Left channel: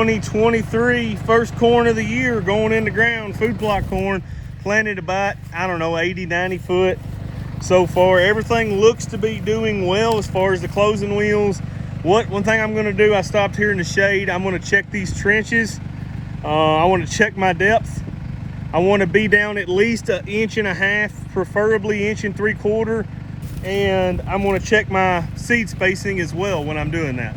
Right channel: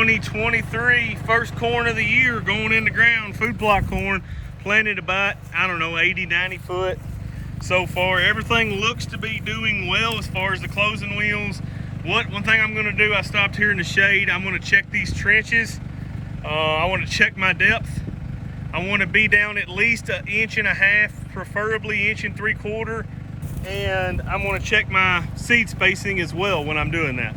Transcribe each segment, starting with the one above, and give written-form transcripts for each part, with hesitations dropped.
2023 first corn of the year going in the ground. Food plot corn planted about, I don't know, 80, 90 foot so far. Everything looks to be doing well as far as the closing wheels. One thing I'm going to do, I stopped here in the shade. I'm going to check these trenches. I want to check my depth. I want to be down at least 1.5 inches, preferably 1.75 inches. And I'm going to check my seed spacing as well when I'm doing that.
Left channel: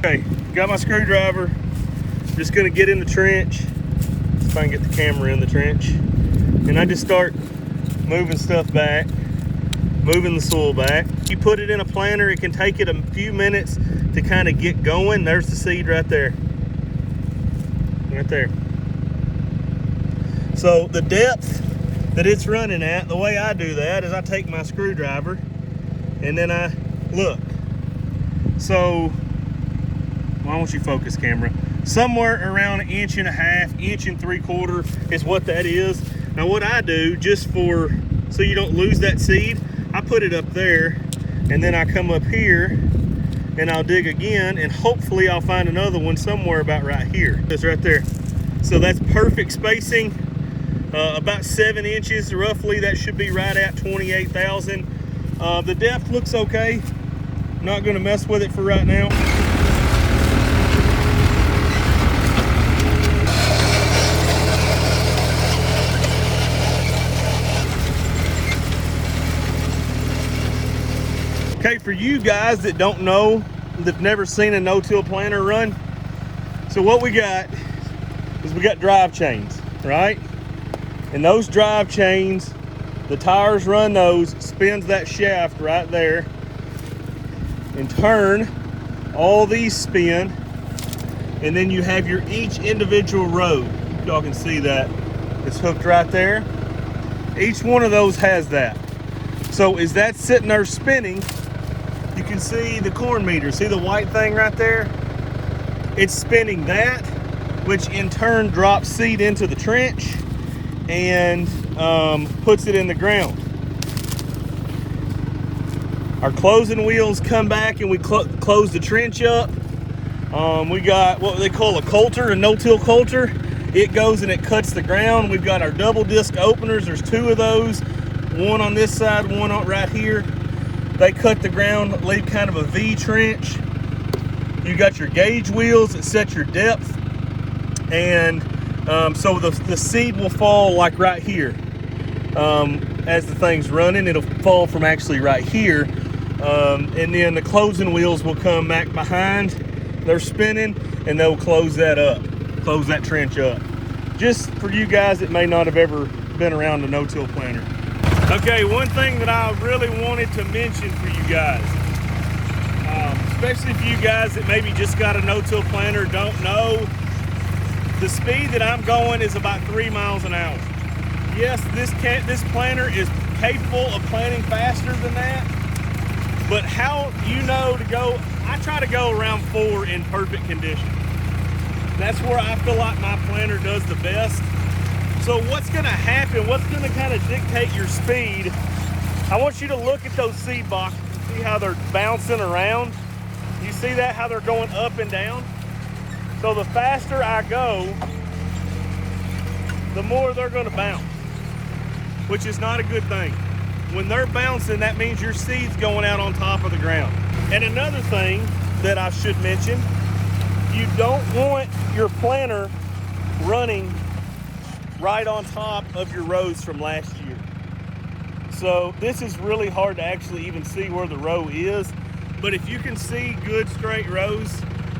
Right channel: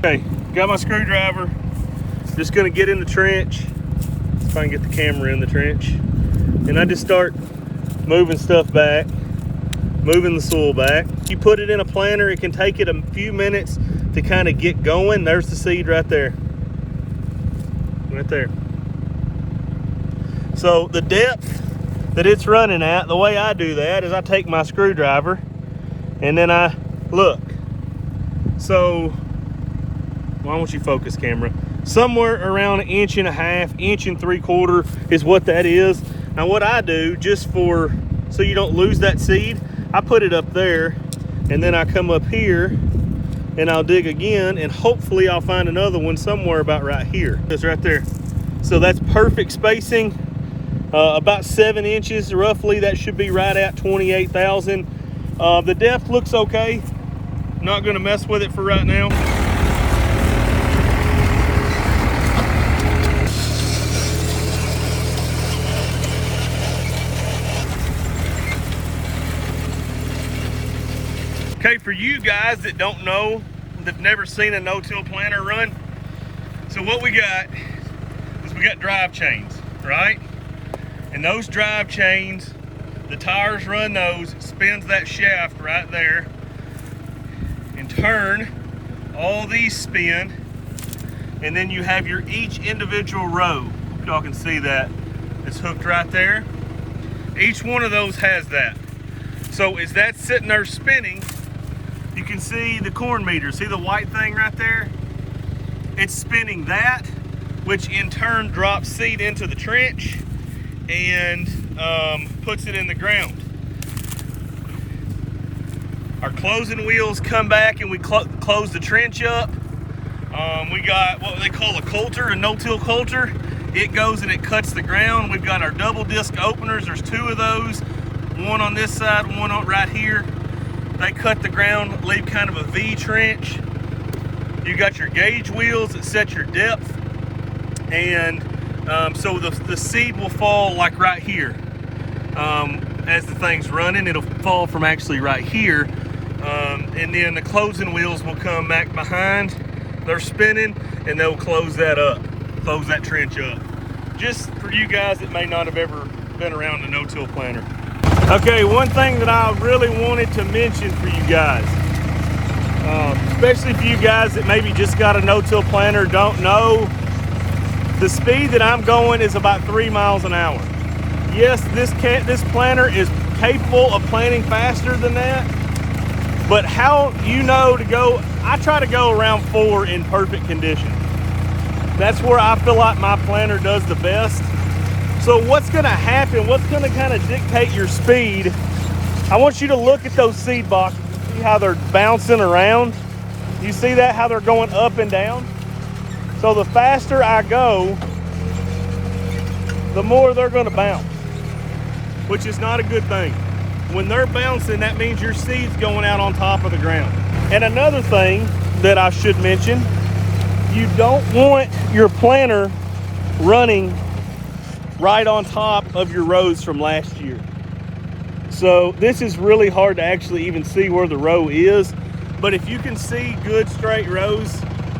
Okay, got my screwdriver. Just going to get in the trench. See if I can get the camera in the trench. And I just start moving stuff back, moving the soil back. You put it in a planter, it can take it a few minutes to kind of get going. There's the seed right there. Right there. So the depth that it's running at, the way I do that is I take my screwdriver and then I look. So, why don't you focus, camera? Somewhere around 1.5 inches, 1.75 inches is what that is. Now what I do, just so you don't lose that seed, I put it up there and then I come up here and I'll dig again and hopefully I'll find another one somewhere about right here. It's right there. So that's perfect spacing, about 7 inches roughly. That should be right at 28,000. The depth looks okay. Not gonna mess with it for right now. Okay, for you guys that don't know, that never seen a no-till planter run, so what we got is we got drive chains, right? And those drive chains, the tires run those, spins that shaft right there, in turn, all these spin, and then you have your each individual row. Y'all can see that. It's hooked right there. Each one of those has that. So as that's sitting there spinning, you can see the corn meter. See the white thing right there? It's spinning that, which in turn drops seed into the trench and puts it in the ground. Our closing wheels come back and we close the trench up. We got what they call a coulter, a no-till coulter. It goes and it cuts the ground. We've got our double disc openers. There's 2 of those. One on this side, one on right here. They cut the ground, leave kind of a V trench. You got your gauge wheels that set your depth. And so the seed will fall like right here. As the thing's running, it'll fall from actually right here. And then the closing wheels will come back behind. They're spinning and they'll close that up, close that trench up. Just for you guys that may not have ever been around a no-till planter. Okay, one thing that I really wanted to mention for you guys, especially for you guys that maybe just got a no-till planter, don't know, the speed that I'm going is about 3 miles an hour. Yes, this planter is capable of planting faster than that, but how you know to go, I try to go around 4 in perfect condition. That's where I feel like my planter does the best. So what's gonna happen, what's gonna kind of dictate your speed, I want you to look at those seed boxes, see how they're bouncing around. You see that, how they're going up and down? So the faster I go, the more they're gonna bounce, which is not a good thing. When they're bouncing, that means your seed's going out on top of the ground. And another thing that I should mention, you don't want your planter running right on top of your rows from last year. So this is really hard to actually even see where the row is, but if you can see good straight rows,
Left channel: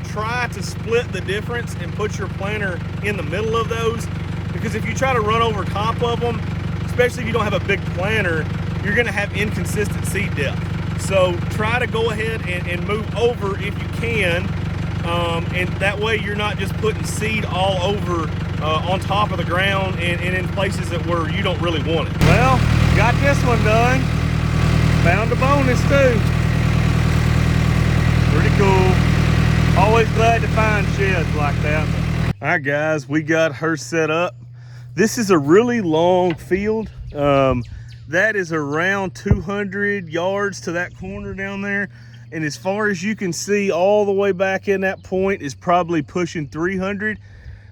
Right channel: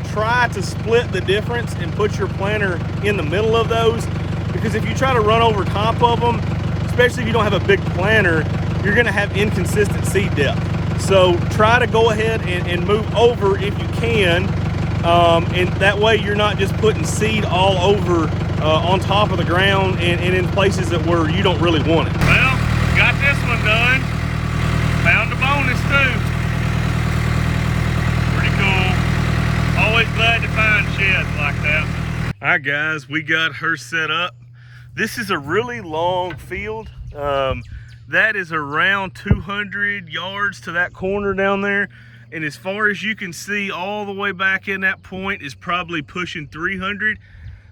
try to split the difference and put your planter in the middle of those, because if you try to run over top of them, especially if you don't have a big planter, you're gonna have inconsistent seed depth. So try to go ahead and move over if you can, and that way you're not just putting seed all over on top of the ground and in places that where you don't really want it. Well, got this one done. Found a bonus too. Pretty cool. Always glad to find sheds like that. All right guys, we got her set up. This is a really long field. That is around 200 yards to that corner down there. And as far as you can see, all the way back in that point is probably pushing 300.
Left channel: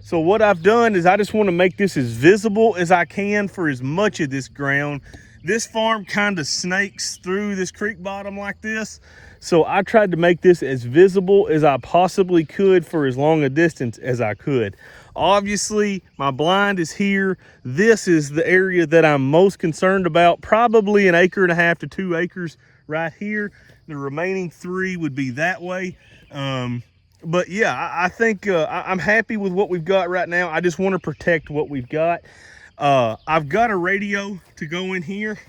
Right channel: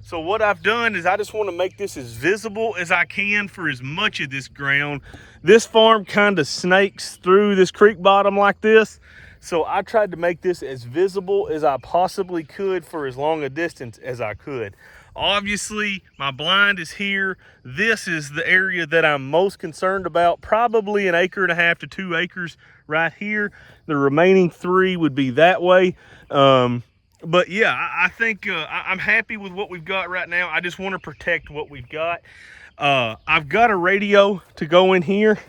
So what I've done is I just want to make this as visible as I can for as much of this ground. This farm kind of snakes through this creek bottom like this. So I tried to make this as visible as I possibly could for as long a distance as I could. Obviously, my blind is here. This is the area that I'm most concerned about, probably 1.5 acres to 2 acres right here. The remaining 3 would be that way. But yeah, I think I'm happy with what we've got right now. I just want to protect what we've got. I've got a radio to go in here,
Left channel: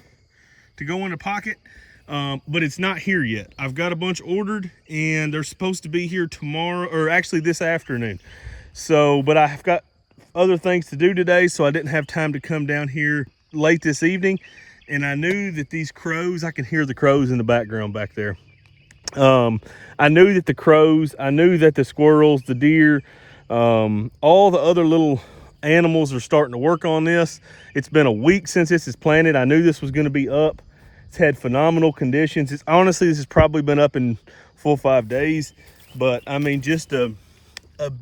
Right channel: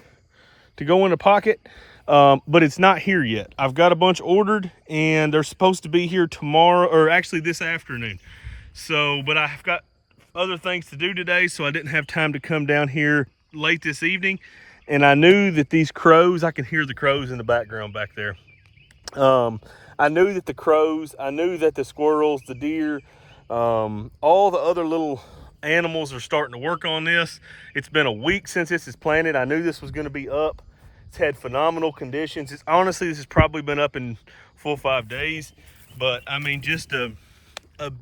to go in the pocket, but it's not here yet. I've got a bunch ordered and they're supposed to be here tomorrow, or actually this afternoon. So, but I've got other things to do today, so I didn't have time to come down here late this evening. And I knew that these crows, I can hear the crows in the background back there. I knew that the crows, I knew that the squirrels, the deer, all the other little animals are starting to work on this. It's been a week since this is planted. I knew this was going to be up. It's had phenomenal conditions. It's honestly, this has probably been up in 4 or 5 days, but I mean, just a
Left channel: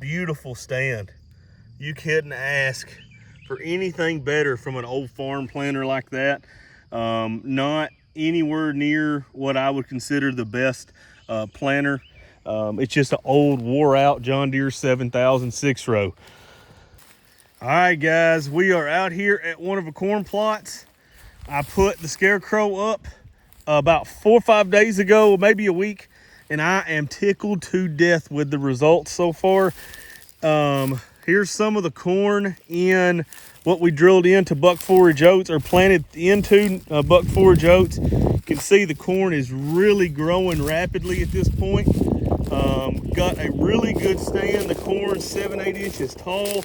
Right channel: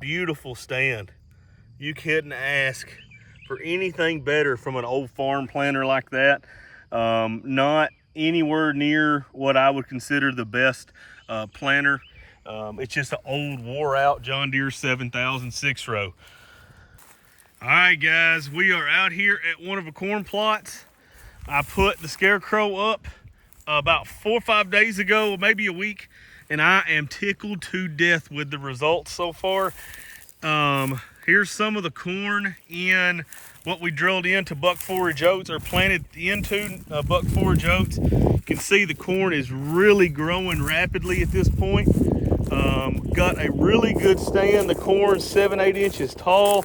beautiful stand. You couldn't ask for anything better from an old farm planter like that. Not anywhere near what I would consider the best planter. It's just an old wore out John Deere 7000 6-row. All right, guys, we are out here at one of the corn plots. I put the Scarecrow up about 4 or 5 days ago, maybe a week, and I am tickled to death with the results so far. Here's some of the corn in what we drilled into buck forage oats, or planted into buck forage oats. You can see the corn is really growing rapidly at this point. Got a really good stand. The corn's 7-8 inches tall.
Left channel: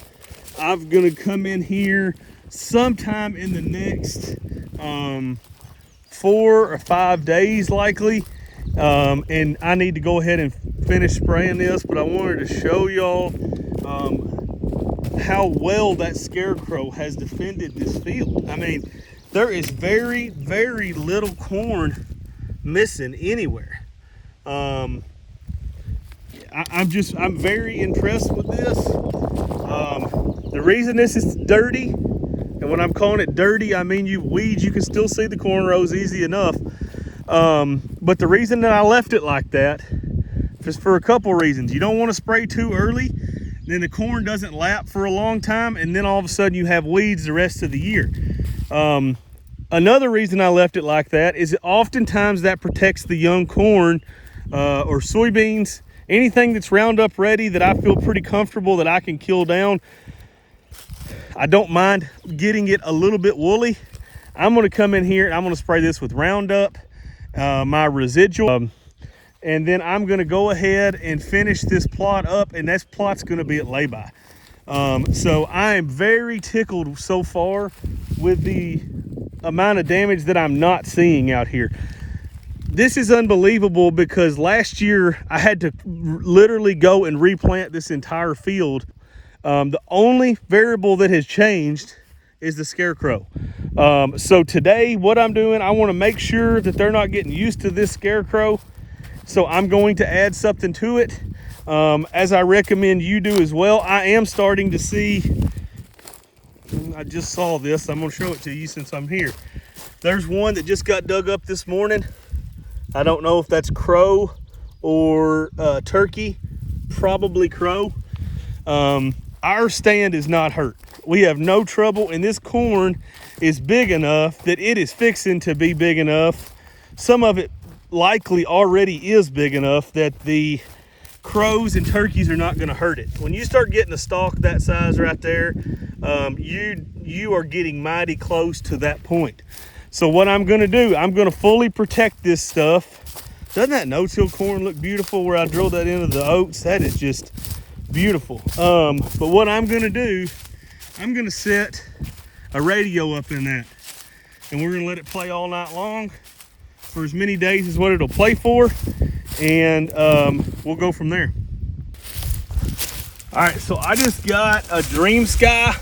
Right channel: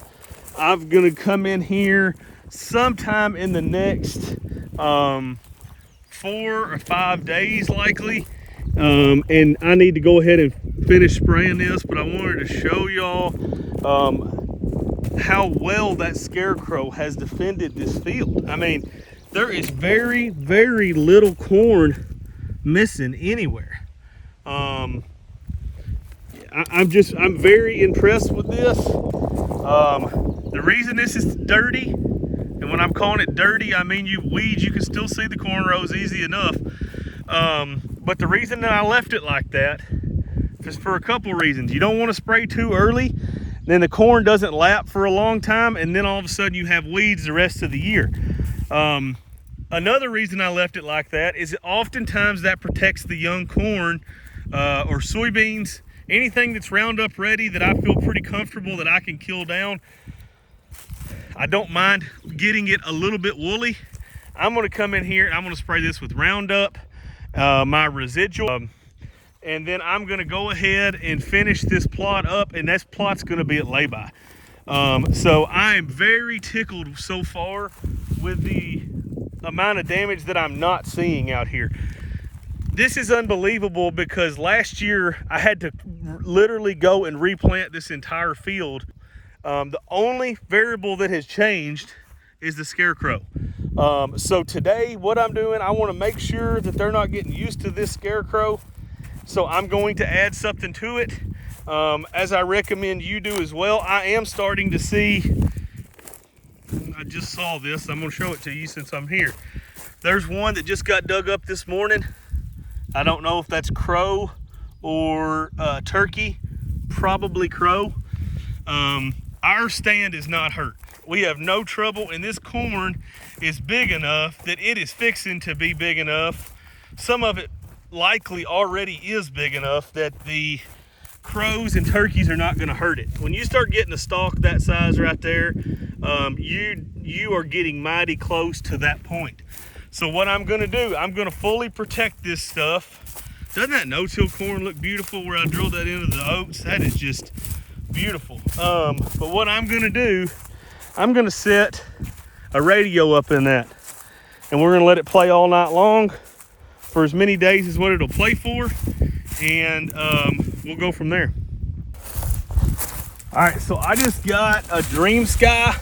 I'm gonna come in here sometime in the next 4 or 5 days likely, and I need to go ahead and finish spraying this, but I wanted to show y'all how well that Scarecrow has defended this field. I mean, there is very, very little corn missing anywhere. I'm very impressed with this. The reason this is dirty, and when I'm calling it dirty, I mean weeds, you can still see the corn rows easy enough. But the reason that I left it like that is for a couple reasons. You don't want to spray too early, then the corn doesn't lap for a long time, and then all of a sudden you have weeds the rest of the year. Another reason I left it like that is oftentimes that protects the young corn or soybeans, anything that's Roundup ready that I feel pretty comfortable that I can kill down. I don't mind getting it a little bit woolly. I'm going to come in here and I'm going to spray this with Roundup, my residual, and then I'm going to go ahead and finish this plot up, and this plot's going to be at lay-by. So I am very tickled so far with the amount of damage that I'm not seeing out here. This is unbelievable because last year I had to literally go and replant this entire field. The only variable that has changed is the Scarecrow. So today what I'm doing, I want to make sure that they're not getting used to this Scarecrow. So I'm going to add something to it, as I recommend you do as well. I am starting to see, I just saw this, I'm going to show it to you since I'm here. There's one that just got dug up this morning. I don't know if that's crow or turkey, probably crow. Our stand is not hurt. We have no trouble, and this corn is big enough that it is fixing to be big enough. Some of it likely already is big enough that the crows and turkeys are not going to hurt it. When you start getting a stalk that size right there, you are getting mighty close to that point. So what I'm going to do, I'm going to fully protect this stuff. Doesn't that no-till corn look beautiful where I drilled that into the oats? That is just beautiful. But what I'm going to do, I'm going to set a radio up in that, and we're going to let it play all night long for as many days as what it'll play for, and we'll go from there. All right, so I just got a Dream Sky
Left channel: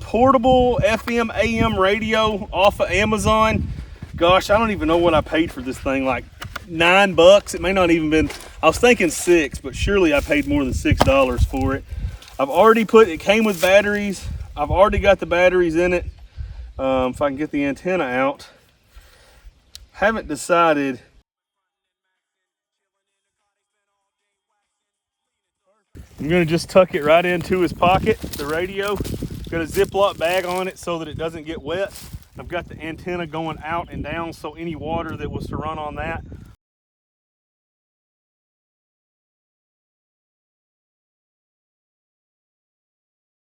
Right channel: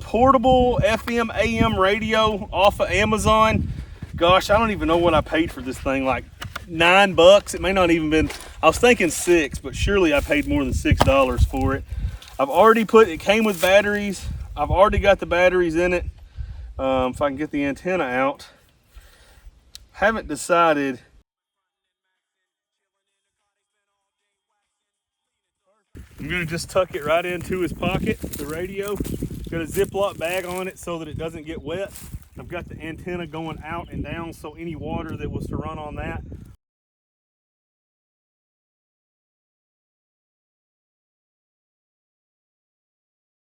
portable FM AM radio off of Amazon. Gosh, I don't even know what I paid for this thing, like $9. It may not even been, I was thinking $6, but surely I paid more than $6 for it. I've already it came with batteries. I've already got the batteries in it. If I can get the antenna out. Haven't decided. I'm gonna just tuck it right into his pocket, the radio. Got a Ziploc bag on it so that it doesn't get wet. I've got the antenna going out and down, so any water that was to run on that